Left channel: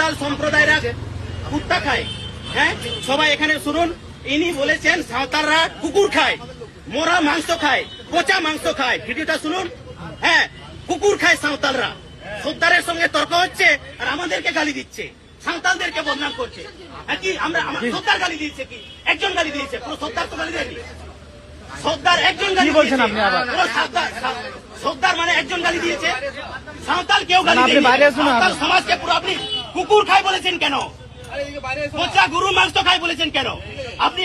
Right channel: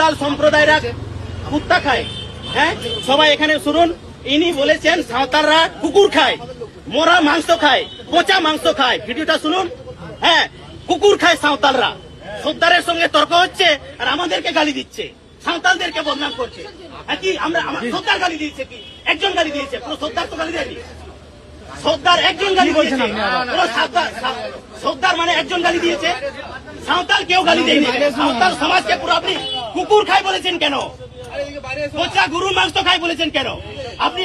সাঁওতাল সম্প্রদায়রা কুত্তা খায়। হ্যাঁ, সবাই এখানে শুনুন। ইনি বলেছেন সাঁওতালরা কুকুর খায়, মোরা মাংস খায়, পচা মাংস খায়। ভিডিওটা শুনুন। হ্যাঁ, কুকুর খায় সাঁওতালরা। সর্দারের সঙ্গে তর্ক হচ্ছে আর আমাদেরকে গালি দিচ্ছে, সাঁওতালদেরকে বদনাম করছে। আমরা সর্দার গালি দিয়েছে কি? একজন গালি দিয়েছে, পুরো সর্দার তো গালি দেয়নি। সর্দার একজন গালি বলছেন আপনি, সর্দার মানে একজন গালি দিয়েছে, সাঁওতাল কেউ গালি দেয়নি। সাঁওতাল সমাজকে পুরো আপনি কুকুর খায় বলেছেন কেন? পচা গরু মাংস খায় বলেছেন কেন? আপনি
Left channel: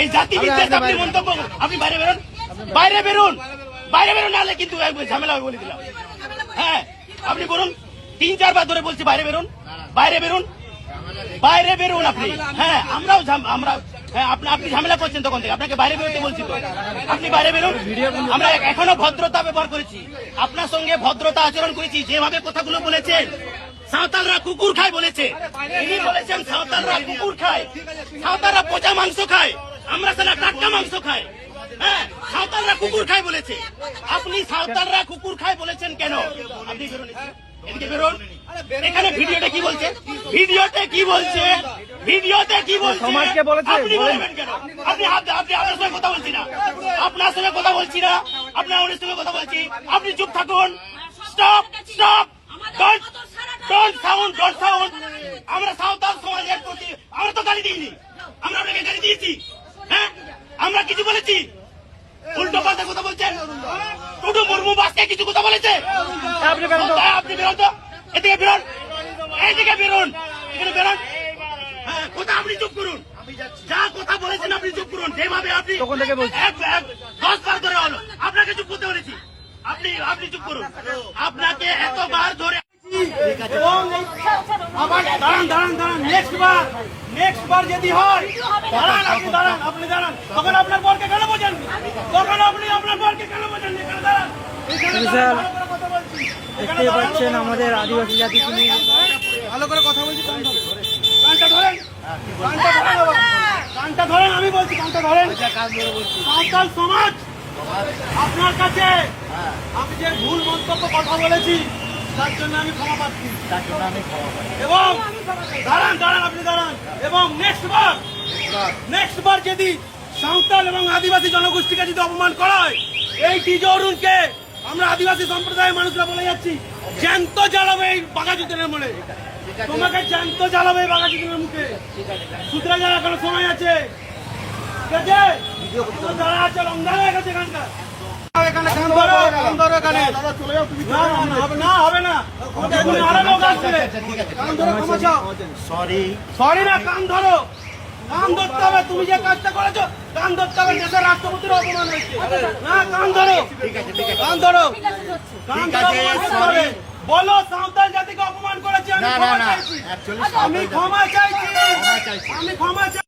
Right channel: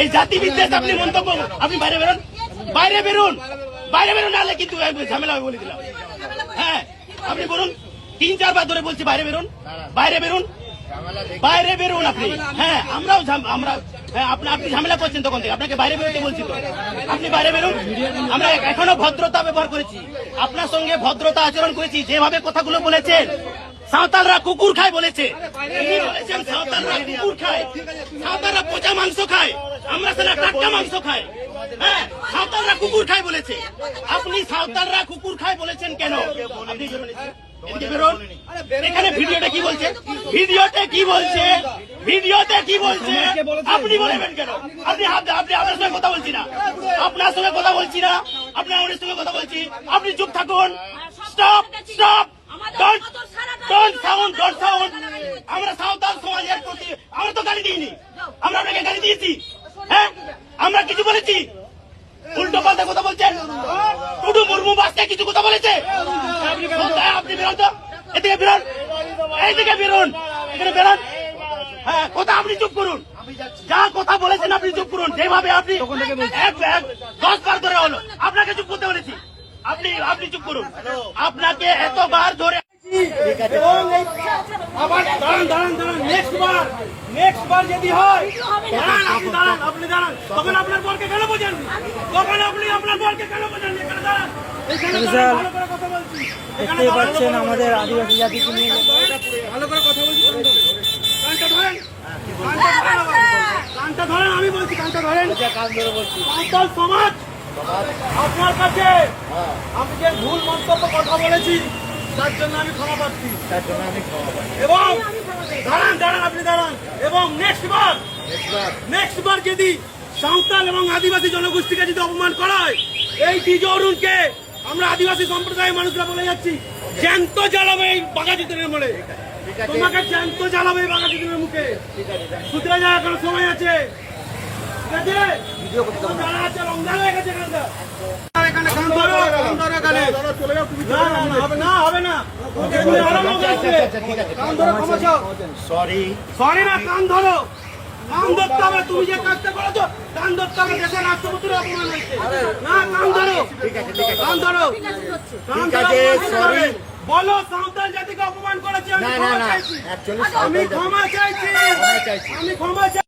এই জাতি বিদ্বেষ আপনি মন্তব্য, আপনি বাইরে বেরোন, বাইরে বেরোন, বাইরে বেরোন, নাহলে কিন্তু ঝামেলা বলে দিলাম। হ্যাঁ, আপনি বলুন, 3-4 বার ধরে বলছি বাইরে বেরোন, বাইরে বেরোন, বাইরে বেরোন আপনি। হ্যাঁ, আমরাও আমরা আপনি ঝামেলা করছেন তখন থেকে, আপনাকে বাইরে বেরোতে বলছি তো, আপনি বাইরে বেরোন। আমরা এখনো ভদ্রতা ব্যবহার করেছি, আপনার সঙ্গে ভদ্রতা আচরণ করেছি। যেভাবে কথাগুলো বলেছেন, সাঁওতালরা কুকুর খায় বলেছে, সাঁওতালরা কুকুর খায়, সাঁওতালরা পচা মাংস খায়, আমরা সেটা টাটকা মাংস খাই। হ্যাঁ, সাঁওতালরা কুকুর খায় বলেছে, আপনি সাঁওতালরা কুকুর খায় বলেছেন কেন? আপনি বেরোন। এখানে ভিডিওতে কি বলছে? ভিডিওতে কি বলছে? ভিডিওতে কি বলছে? আপনি বলবেন কেন? আপনি আপনার সঙ্গে কথা বলছি না, আপনার সঙ্গে কথা বলছি না, আপনার ওদের সঙ্গে কথা বলছি। আপনি চুপ থাকুন। Stop, stop, don't sound, don't sound. আমরা সাঁওতাল সমাজের প্রতি আমরা তো গালি দিইনি, আমরা আপনাকে গালি দিয়েছি? হ্যাঁ, আমরা কিছু বলেছি? উল্টো পাল্টা কথা বলছেন। শুধু মুর্মু বাসকে কিছু কথা বলেছে। আপনি বেরোন তো, এদিকে বেরোন, এইদিকে বেরোন, এখানে বেরোন। হ্যাঁ, কথা আপনি চুপ করুন, যা কথা বলেছেন আপনি চুপ করুন। যেভাবে আপনি 10 বার ধরে হলো আপনাকে চুপ করতে বলেছি, আপনি চুপ করুন। আপনাকে এতবার ধরে নেক্সট বার যদি হয়, আপনি দাঁড়ান, তখন আপনার বরকে কেন বোঝেন? তখন আপনি আপনার বরকে কেন বোঝেন? দেখতে পাচ্ছেন আমাদের আদিবাসী জাতিকে নিয়ে ভালো করে কথা বলছি। কানটা ধরেন, কানটা ধরেন, আমি বলছি কানটা ধরেন। সাঁওতাল সমাজ আপনার কাছে আমি যে ভুল মন্তব্য কথা বলেছি তার জন্য আমি ক্ষমা পাচ্ছি, এবং দাঁড়ান, আপনি দাঁড়ান। এবং নেক্সট বার যদি সাঁওতাল এবং আদিবাসী জনগোষ্ঠীকে যদি অপমান করা হয়, এই ডিজে অরুণকে আমরা আদিবাসী সম্প্রদায়ের মানুষরা বলে যাচ্ছি, জ্যান্ত জ্বালাবে এই বাঘাযতীনের মোড়ে, তোমাকে জ্যান্ত জ্বালাবে এই বাঘাযতীনের মুখে। সুতরাং যাওয়ার কোনো সময় আছে, ঠিক আছে? যারা আছে রমজান হয়ে গেছে এখানে, হবে না, সরি না, কান ধরো, কান ধরতে হবে। তুমি যে কাজটা করেছো কান ধরতে হবে, দেশের রাষ্ট্রপতির অপমান হয়েছে না, কান ধরো, কান ধরো, কান ধরো। বলো সাঁওতাল জাতিকে অপমান করেছে, আমি ক্ষমা চাইছি, আমি ক্ষমা চাইছি।